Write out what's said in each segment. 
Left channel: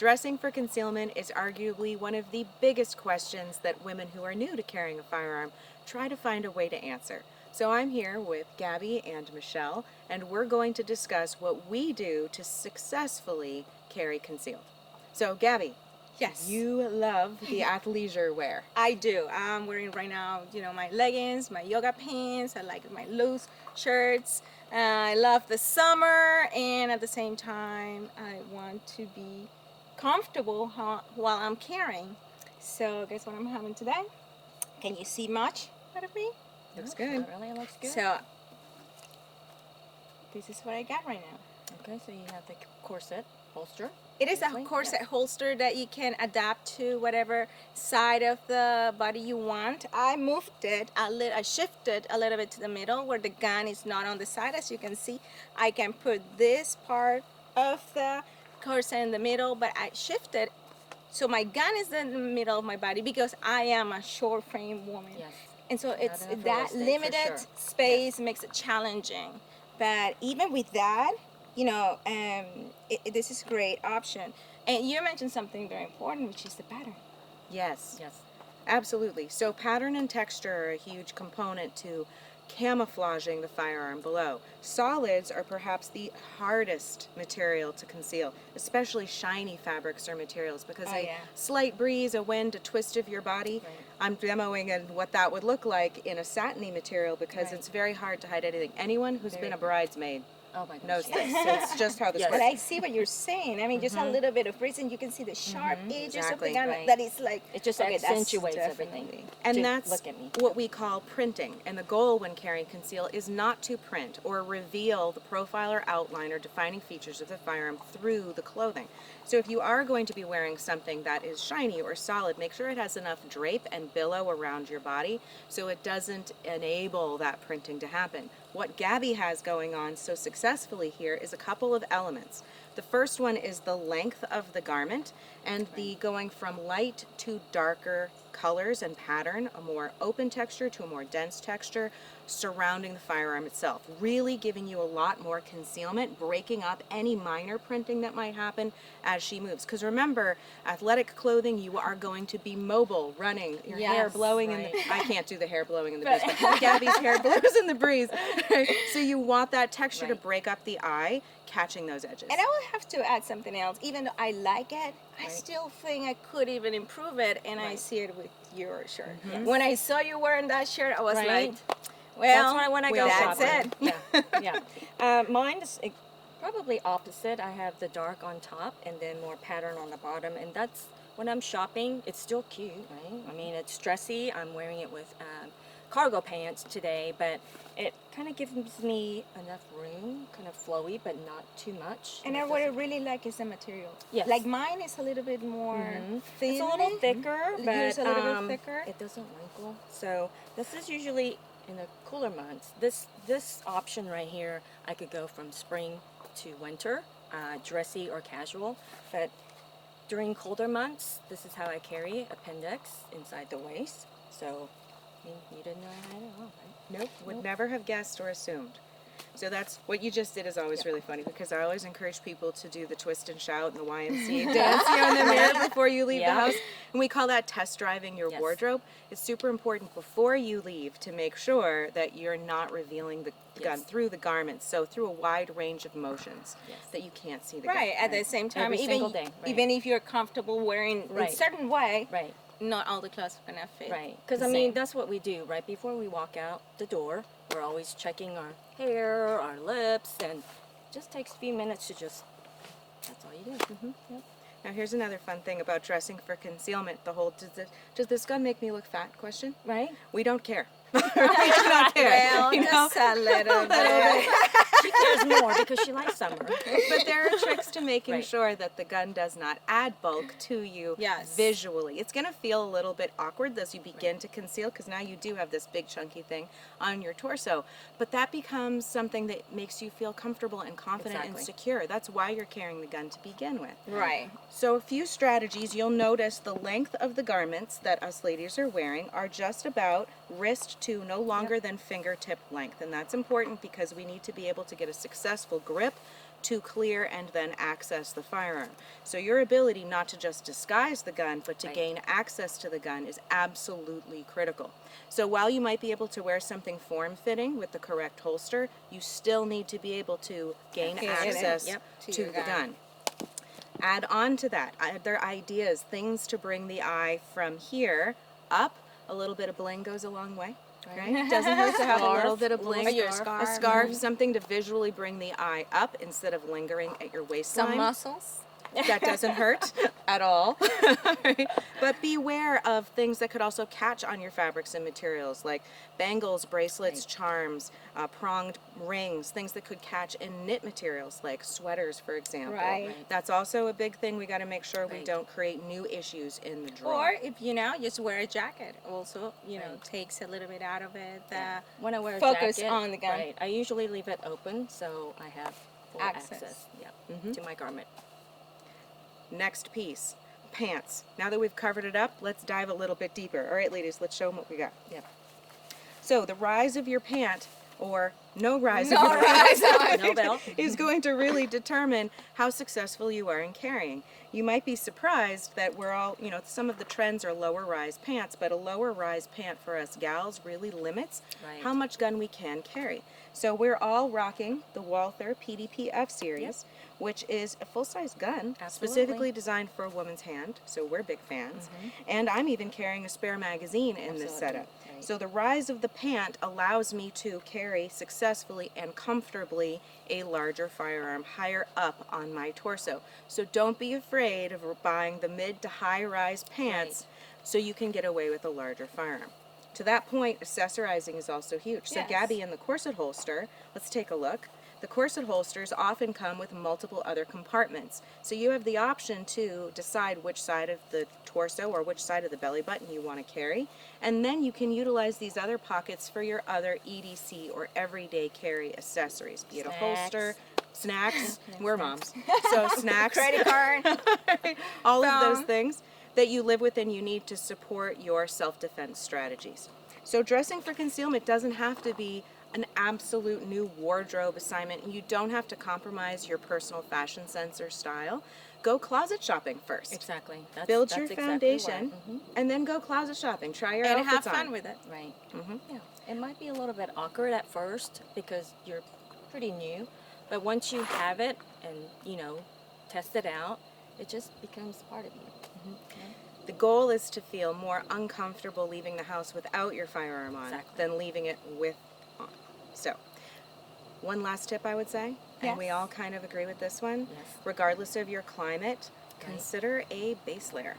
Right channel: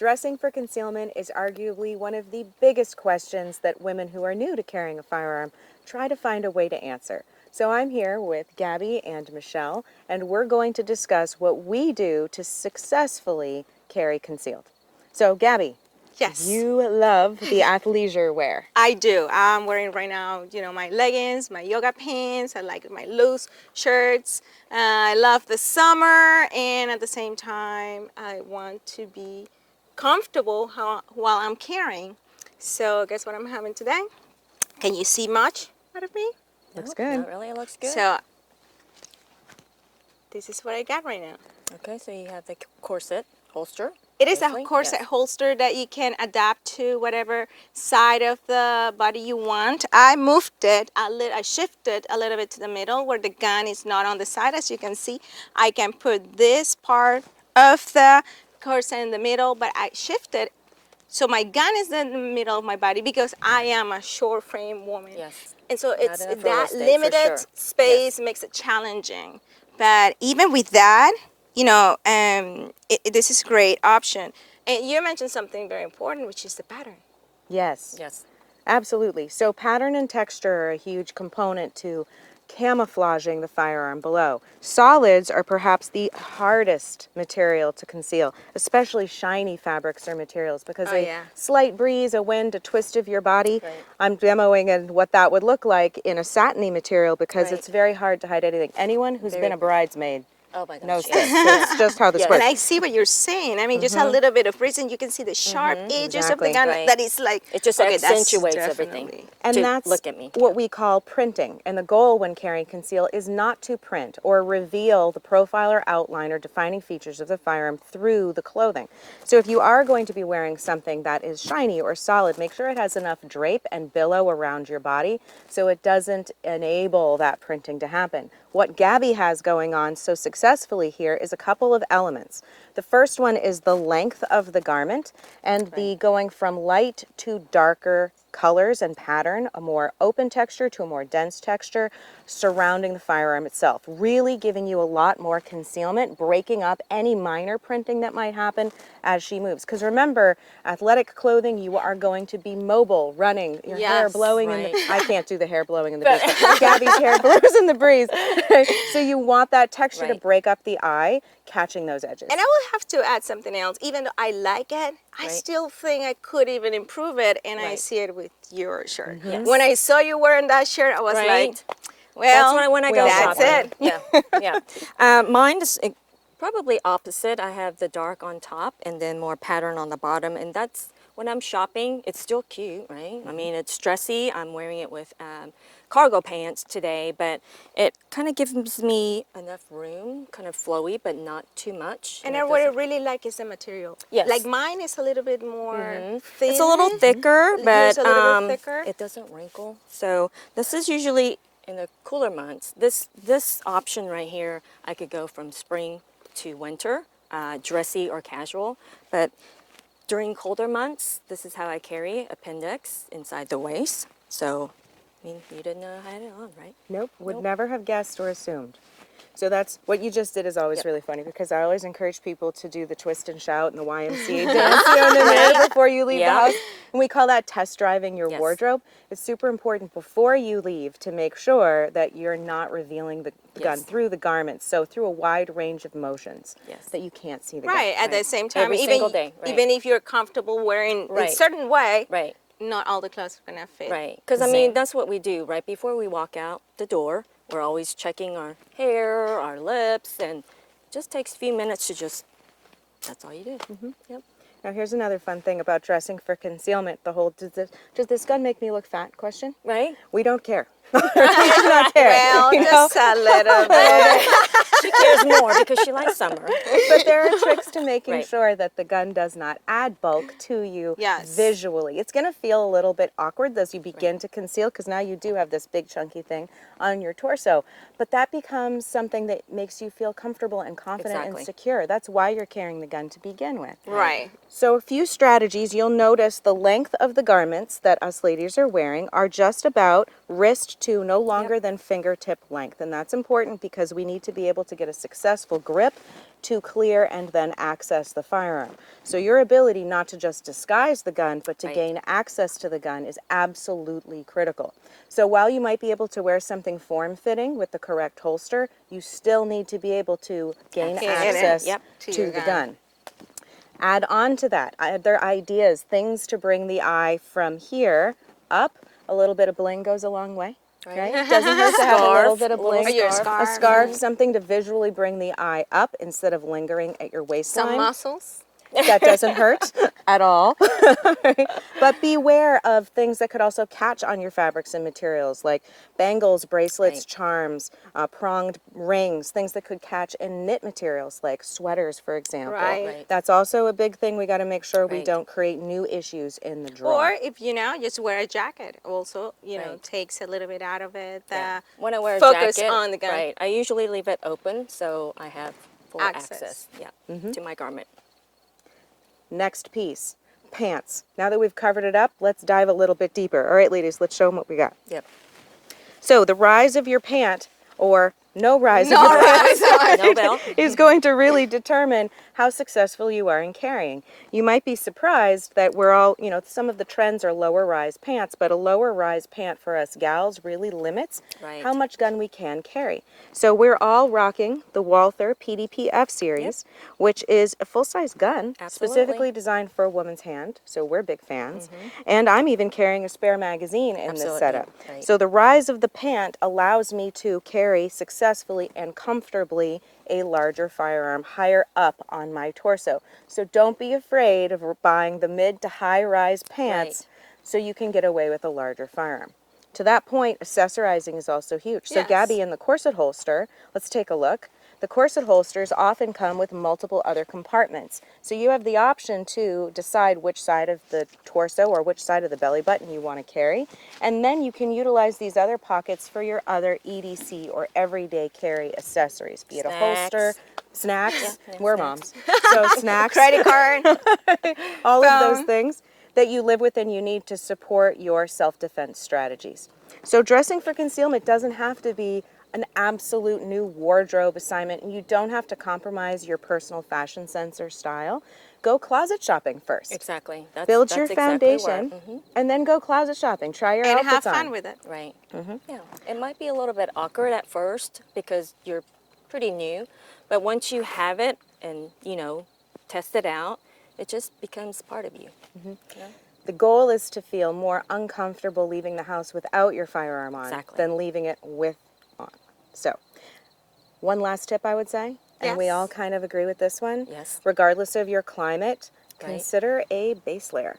Dressing for concealment is arguably one of the biggest questions that women who are new to carrying a firearm try to find a way to answer. So I'm here with Gabby and Michelle, and we're going to discuss what we do to successfully carry concealed. So Gabby, Yes. you love the athleisure wear. I do. I'm wearing right now, my leggings, my yoga pants. I like my loose shirts. I love the summer, and at the same time, I want to be comfortable while I'm carrying. So guess what I'm having today? Can you see much out of me? Looks good. Not really, it looks good. So this is what I got right now. Okay, so you have the corset holster. It is a Basically, corset yes. holster that you can adapt to whatever side of the body you want. I moved it I shifted a little bit to the middle where the gun is not on the side. As you can see, I can put this part of the corset in the middle, but I shifted so my gun is in the middle of my body because I am a short frame woman. Yes. And so Not it's enough real that estate, for limited sure. space makes it challenging. But even with that, this is a great option. And you mentioned something very important, which is the pattern. Yes. Yes. Absolutely. So pattern and texture are a huge component to camouflaging the firearm below. Solids are perhaps the hardest material to conceal, especially shiny fabrics or materials, because a slight breeze, a wind, a twist of your body. Right. I'm demoing what that would look like in a satiny material because Right. it's very hard to hide anything. Anyone who's been a bridesmaid Oh my gosh. knows yes. this. It's just how this Yes. works. And I see what you're saying. I mean, just a little bit of breeze, and you can see the sharp edges of the Exactly. gun. Right. That is like It just okay, that's accentuates definitely- everything. And To that's look at me. what we call printing. And the goal when carrying conceal is not to print or reveal the profile or outline or defining features of the firearm through the clothing. So if you are going to be wearing something that is shiny or solid, make sure it has enough drape and billow around your body so it doesn't enable that printing to happen. What Gabby has going on so successfully here is a couple of elements. The first one is the length of the garment and the going from light to darker colors and pattern, a more open texture to a more dense texture surrounding the firearm itself, really giving you a lot more concealment, breaking up any minor printing that might happen as she moves. Because remember, athletic clothing, you are going to be mobile, running, your hair Yes, blowing in the, right. I can't do the hair blowing in the breeze, but Gabby's hair blows in the breeze. So you want that texture to Right. break up the eye, catching those edges. And I will have to add something else. Even though I like it, I Right. still think I could even improve it, and I Right. see it with your shirt. Yes. When I saw you wearing that shirt, I was Right. like, well, That's when I go that's shopping. it. Yeah. Mine is probably opposite. I have the dark on top and then more pattern on the bottom. And that's when I'm shopping, it's still cute, right? I mean, it's dressy. I'm wearing it with cargo pants today, but it kind of gives me enough room, kind of flowy, but not too much. And it what I doesn't- really like is the material. Yes. Like mine is a little bit more thin. It's a little thicker, Yours but a little bit thicker. it doesn't wrinkle. So this is usually in the cooler months. This option right here, I could go from spring to winter, dressy or casual. But during colder months, this is how I carry appendix inside the waist. So, I mean, you didn't know I had it on, right? Nope, would never have guessed or assumed. So that's what you just did is always Yep. really funny because I always encourage people to do the twist and shout and the YMCA dance in the mirror before you leave the Yeah. house. And we call that test driving your Yes. wardrobe. It's super important before you leave to make sure that you're not revealing the gun Yes. through the garments, so through a wide range of motions Yes. that you can't see the Right. gun. At the same time, Every even single day, right. even if you're comfortable wearing a Right. certain way, Right. not all the clothes are gonna fit. Right, because I mean that's what we do right before we walk out the door. We're always checking our hair, our lips, and it just takes a few minutes to just. That's all you do. Yep. Now here's another fun thing about dressing for concealment. The whole does this gun make me look fat question? Right. We don't care. We do not care. Well, you know? just a little bit. She cares more because she likes summer. But there are tricks to making Right. sure that the gun does not add bulk to you Yes. visually. It's going to feel a little bit awkward as you begin to conceal because now you do have this big chunky thing on your torso. But that becomes something that makes you feel comfortable and confident Exactly. and secure. That's why you're carrying the gun to begin with. Right. So a few strategies. You'll notice the length of the garments that us ladies are wearing are just about wrist to no longer than fingertip length. And that's important because we need to be able to get a successful grip to clear and then access the firearm. So your ability not to just disguise the gun, but to Right. gain access to the gun is absolutely critical. So while you might be able to wear something form-fitting with the correct holster, you still need to be able to gain Access. access Yep. to To your the gun. gun. Add on to that other ideas, things to bring the eye from here up. A little bit of bling goes a long way. Okay? Doesn't hurt to have a little Scarf, bit of little bling. Or your scarf. A scarf, something to visually bring the eye up instead of lingering at your waistline. Some muscles. That doesn't hurt at all. But beware of things that could also catch on your fabrics and materials, like bangles, bracelets, Right. charms, pronged rings, things that could catch in knit materials, like sweaters, for example. Right. That's also a big thing. We got to make sure we Right. don't create new issues in the draw. Or if just wear a jacket. Also, Right. takes a little bit out of it. When I wear a focus jacket, on the gun. right, I usually leave it open so I have full Access. access, to my garment. Next piece, pants. Now that we've covered it up, let's dive a little bit deeper. All right, ladies, let's show them what we got. Yep. So the rise of your pant, or no rise of No your rise. pant, No belt. is going to really determine how successful you are in carrying. You might be surprised that we're all, some of the trends are lower rise pants, but a lower rise pant for us gals really limits Right. how much gun we can carry. So we're all rocking the Walther PDP-F series, which is a full-size gun, Absolutely. specifically designed for a woman's hand, so we're big fans. And I'm even carrying a spare magazine in this Absolutely. setup. Right. So the rise of the pant allows me to carry successfully and comfortably a larger firearm higher up on my torso. So don't be afraid of buying the mid to high rise pants so you can get away with a larger firearm. To that point, accessorizing is also huge. So Yes. Gabby, in the corset holster, let's take a look. The corset holsters often come with multiple other compartments. So you have the option to decide which side of the torso or which side of the belly button you want to carry. And then you can utilize these other pockets for your other EDC or everyday carry accessories, be it a holster, snacks, we're moms. So snacks, Credit card. all of those phone. things that you live with and you need to support your self-defense strategies. So dressing for concealment doesn't have to be an absolute new wardrobe assignment. You don't have to compromise your personal fashion sense or style. Go closet shopping first. Exactly. Build your that's exactly foundation, what- and then go closet shopping. Try your And have outfits fun on. with it. Right. Yeah. It might be a little bit awkward at first because you're pretty new, but once you have it and, test it out, it just becomes part of you. The goal is to feel more uncomfortable leaving the house without your firearm on Exactly. than leaving it with on. So, one last tip I would say, and we Yes. all kind of agree with this one. Yes. Regardless of your climate, Right. consider a base layer.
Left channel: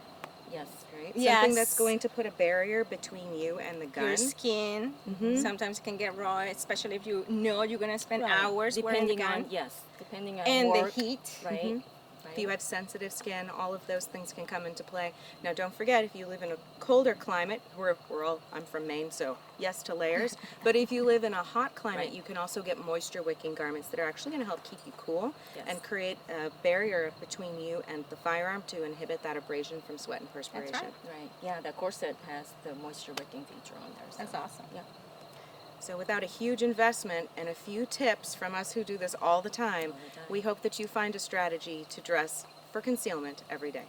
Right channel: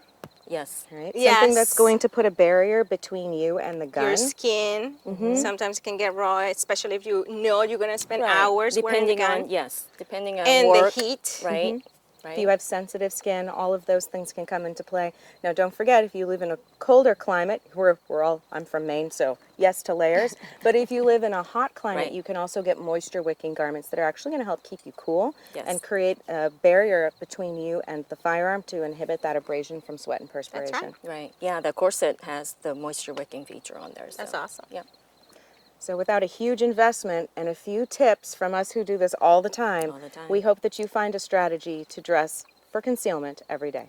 Yes. Right? Yes. Something that's going to put a barrier between you and the gun. Your skin sometimes can get raw, especially if you know you're going to spend Right. hours wearing the gun. Depending on And work, the heat. right? If you have sensitive skin, all of those things can come into play. Now, don't forget, if you live in a colder climate, I'm from Maine, so yes to layers. But if you live in a hot climate, Right. you can also get moisture-wicking garments that are actually going to help keep you cool Yes. and create a barrier between you and the firearm to inhibit that abrasion from sweat and perspiration. right. Right. Yeah, the corset has the moisture wicking feature on there. So. That's awesome. Yeah. So without a huge investment and a few tips from us who do this all the time, All the time. we hope that you find a strategy to dress for concealment every day.